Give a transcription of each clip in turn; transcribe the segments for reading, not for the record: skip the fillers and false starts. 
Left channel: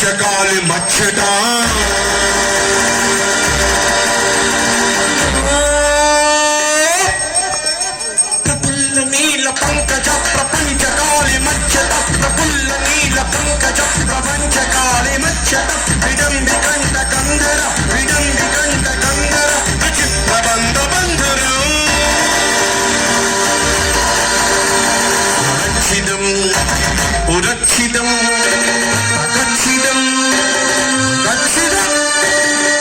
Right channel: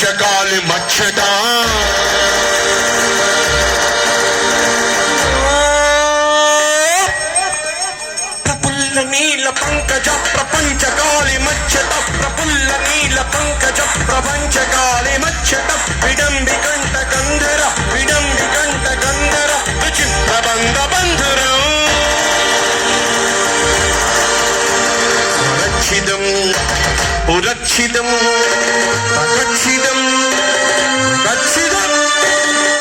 ప్రపంచకాలి మచ్చట ప్రఫుల్ల నీల పంకజ ప్రపంచకాలి మచ్చట ప్రఫుల్ల నీల పంకజ ప్రపంచకాలి మచ్చట విడండి కంట గంధర విడండి కంట గంధర ప్రబంధ బంధుర సురక్షితం సురక్షితం రక్షితం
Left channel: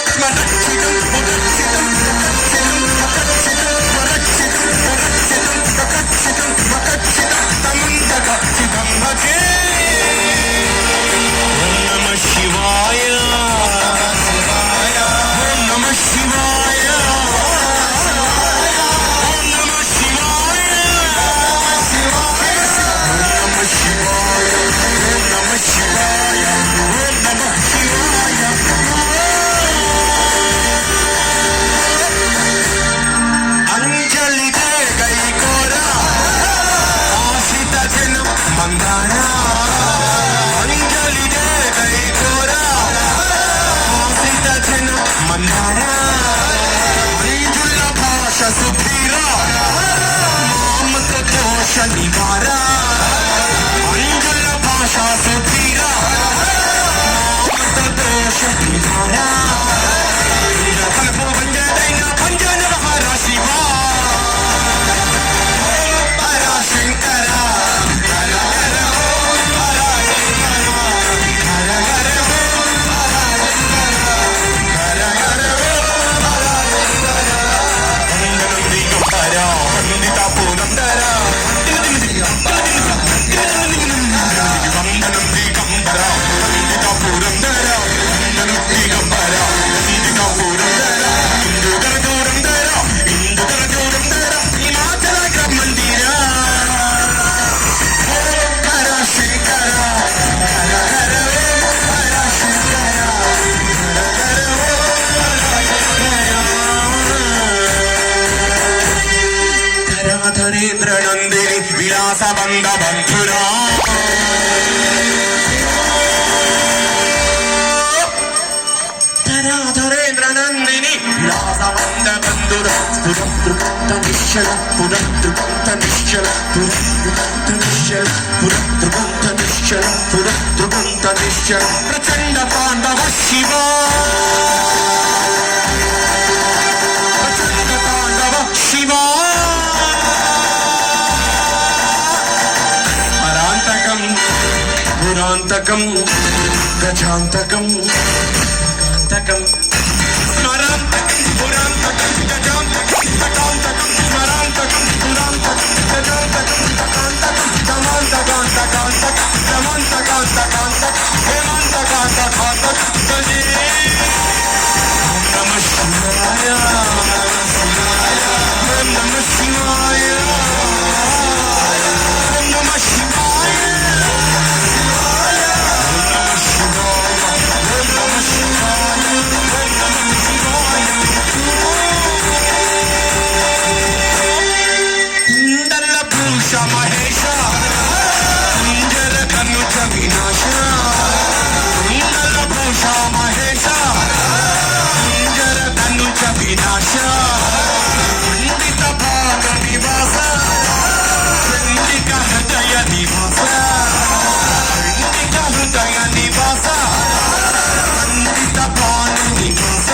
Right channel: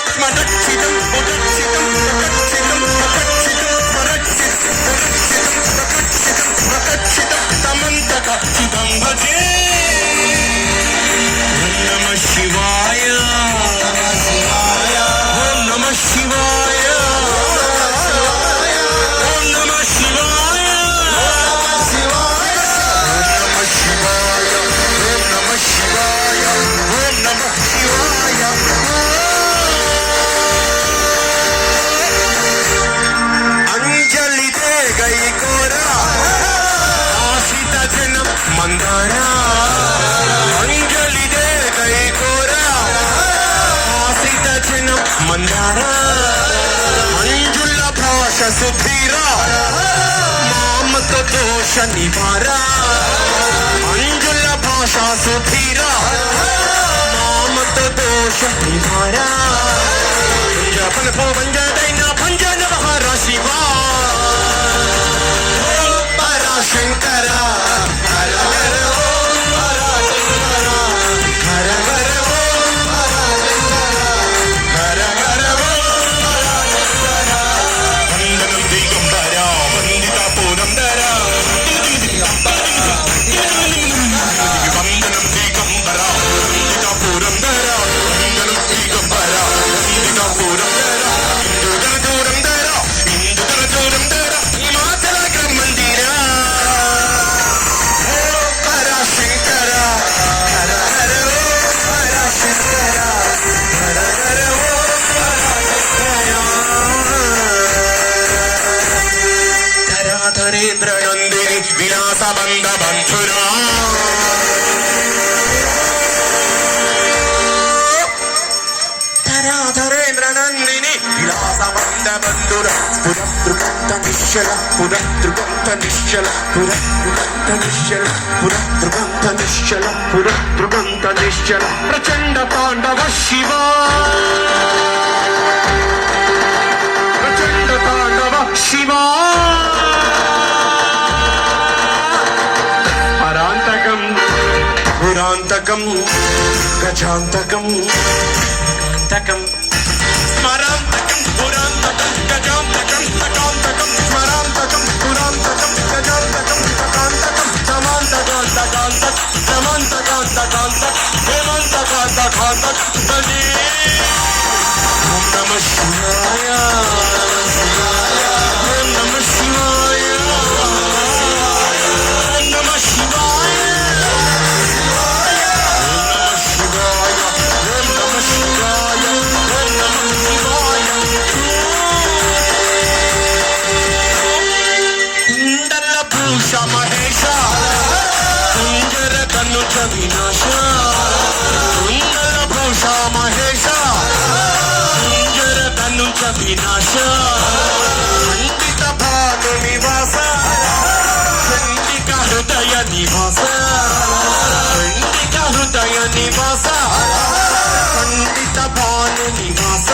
స్మరక్షితం సురక్షితం తమంతకక్షితం భజే నమ శివాయ నమ శివాయ నమ శివాయ నమ శివాయ నమ శివాయ నమ శివాయ అంజలి దే గై కోరా ఆశిత జన మందారా అంజలి దే గై కోరా ఆశిత జన మందారా అంజుల భాష సుధీరా మామక దోష నివారా అంజుల భాష సుధీరా మామక దోష నివారా పంజన పంజన మహారాశివా శంకర ధరేంద్ర నందిని విలాస బంధ బంధురా ధరేంద్ర నందిని విలాస బంధ బంధుర పురద్రుకంత నిశ్చల పురద్రుకంత నిశ్చల పురద్రుకంత నిశ్చల పురద్రుకంత నిశ్చల పురద్రుకంత నిశ్చల ప్రచండ తాండవ శివా ప్రచండ తాండవ శివా పురాంతకం గజాంతకం తకం స్మరాంతకం పురాంతకం గజాంతకం తకాంతకం స్మరాంతకం పురాంతకం గజాంతకం తకాంతకం సమాంతకం తకాంతకం సమాంతకం తకాంతకం హేమంతకం తకాంతకం బలి నమ శివాయ నమ శివాయ నమ శివాయ మహేశ కుంజర కనుచ వినాశ భూష మహేశ కుంజర కనుచ వినాశ సందిక భాను నివాస సందిక హృదయ నివాస సందిక హృదయ నివాస సందిక భాను నివాస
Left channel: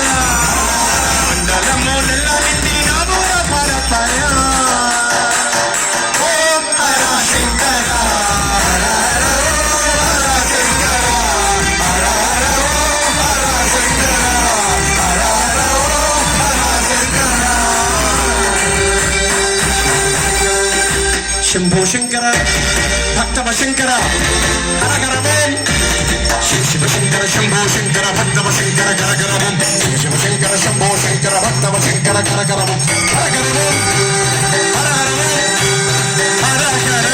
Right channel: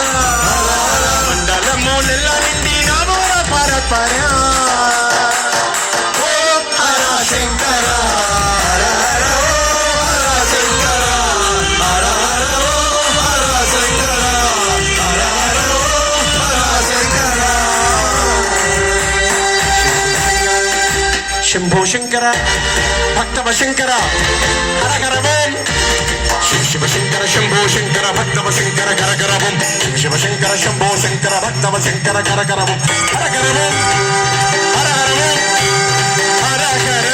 మండలముల నిందిరో పరపర శంభో శంకర భక్తవ శంకర హరహర ఓం శివ శంకర శంభో శంకర భక్తవ శంకర కరకర ఓం శివ శంకర శంభో శంకర భక్తవ శంకర కరకర ఓం హరహర ఓం హరహర ఓం హరహర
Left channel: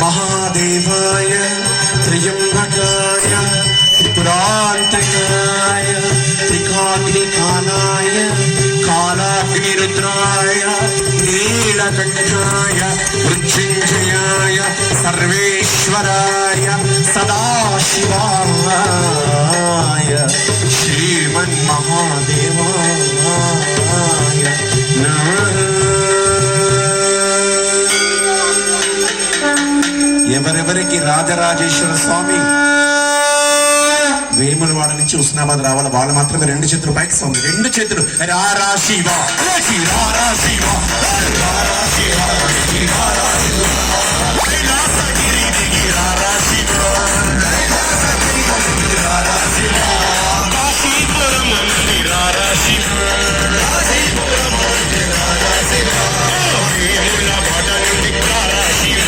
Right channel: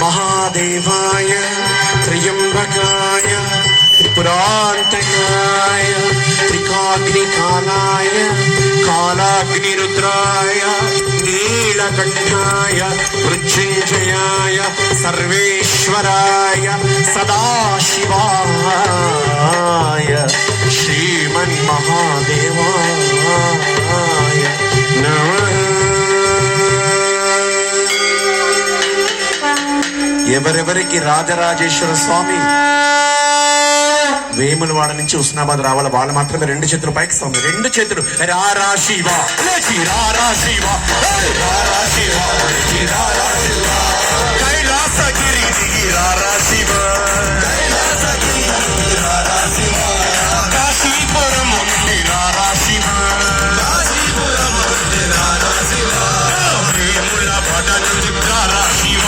महादेवाय त्र्यंबकाय त्रिपुरांतकाय कालाग्निरुद्राय नीलकण्ठाय मृत्युञ्जयाय सर्वेश्वराय सदाशिवाय श्रीमन्महादेवाय ఎవరెవరికి రాజరాజేశ్వర స్వామి వేములవాడ నుంచి ఉస్నాబాద్ రావాలి వాళ్ళు మాత్రమే రెండు చేతులు పైకి స్వామి రెండు చేతులు రారా శివ రారా శివ రారా శివ కైలాసగిరి దిగి రారా శివ రారా శివ కాశీపురం నుండి రారా శివ రారా శివ వేములవాడ నుండి రారా శివ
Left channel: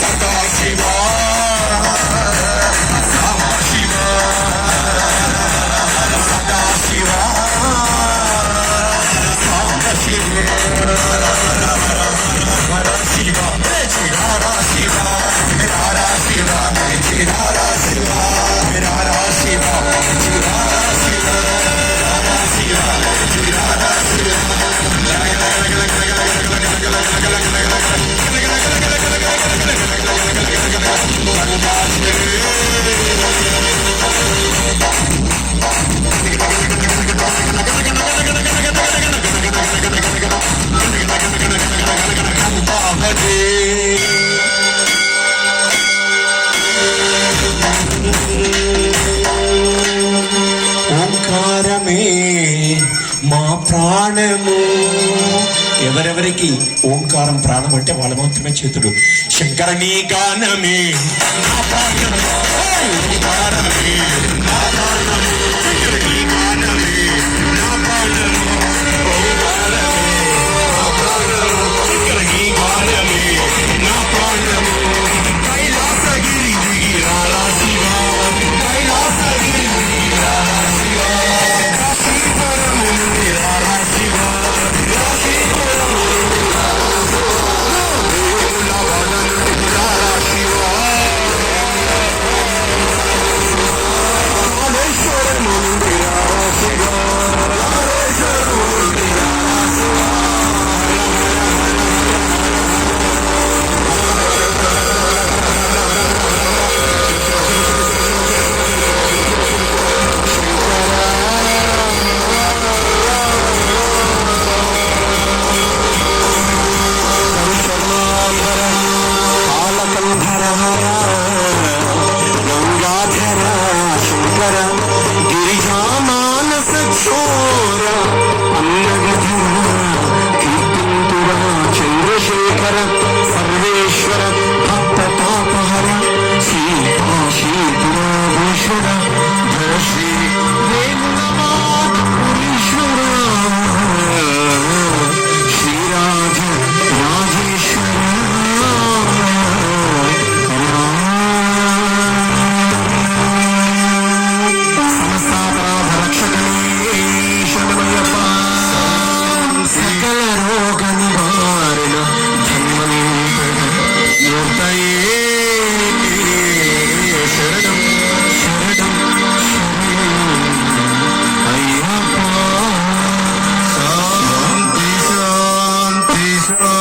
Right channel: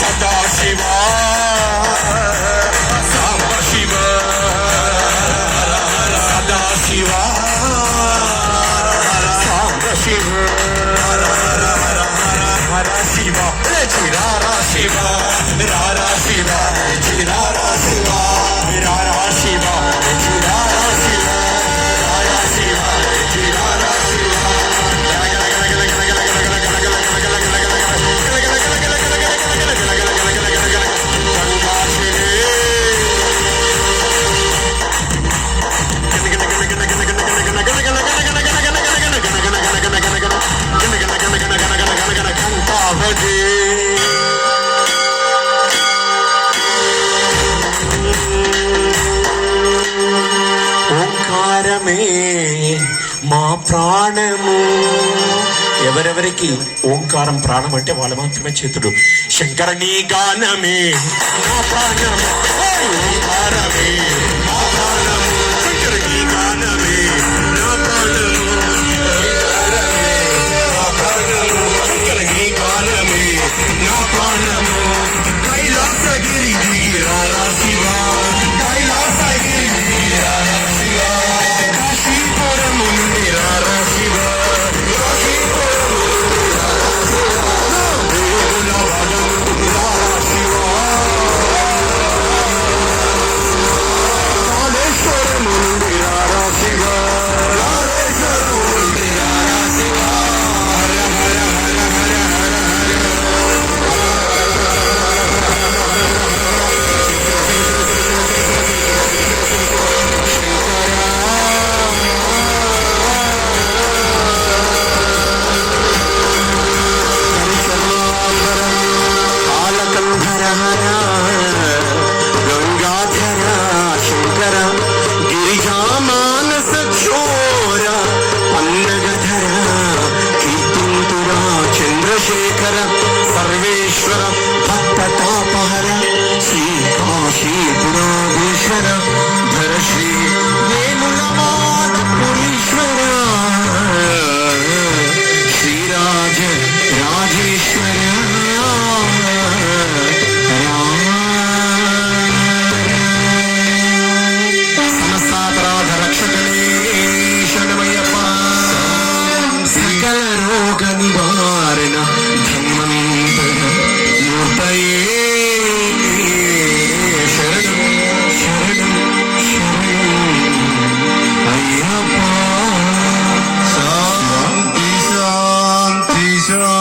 సదా శివ శివ సదా శివ శివ శివ చిరారా శివ రారా శివ చిరారా శివ రారా శివ చిరారా శివ రారా శివ చిరారా శివ ఓంకారమే మా ప్రాణము ఎవరెవరికి ఓంకారం ప్రాణం అంటే వాళ్ళు మాత్రమే చేతుడు శంకరనీ గానమే నా ప్రాణము ఓంకారమే నా ప్రాణము శంకరనీ గానమే నా ప్రాణము ఓంకారమే నా ప్రాణము శంకరనీ గానమే నా ప్రాణము కైలాసగిరి దిగి రారా శివ కైలాసగిరి దిగి రారా శివ కాశీపురము నుండి రారా శివ సర్వేశ్వర భక్తతాపహర శ్రీ కాశీపురాధీశ్వర ధర శ్రీ వేణులవాధీశ్వర శ్రీరాజ రాజేశ్వర సమస్తాపరాధ రక్షకనే శరణయ్యప్ప సకల రోగ నివారణ శాంతి శాంతి శాంతి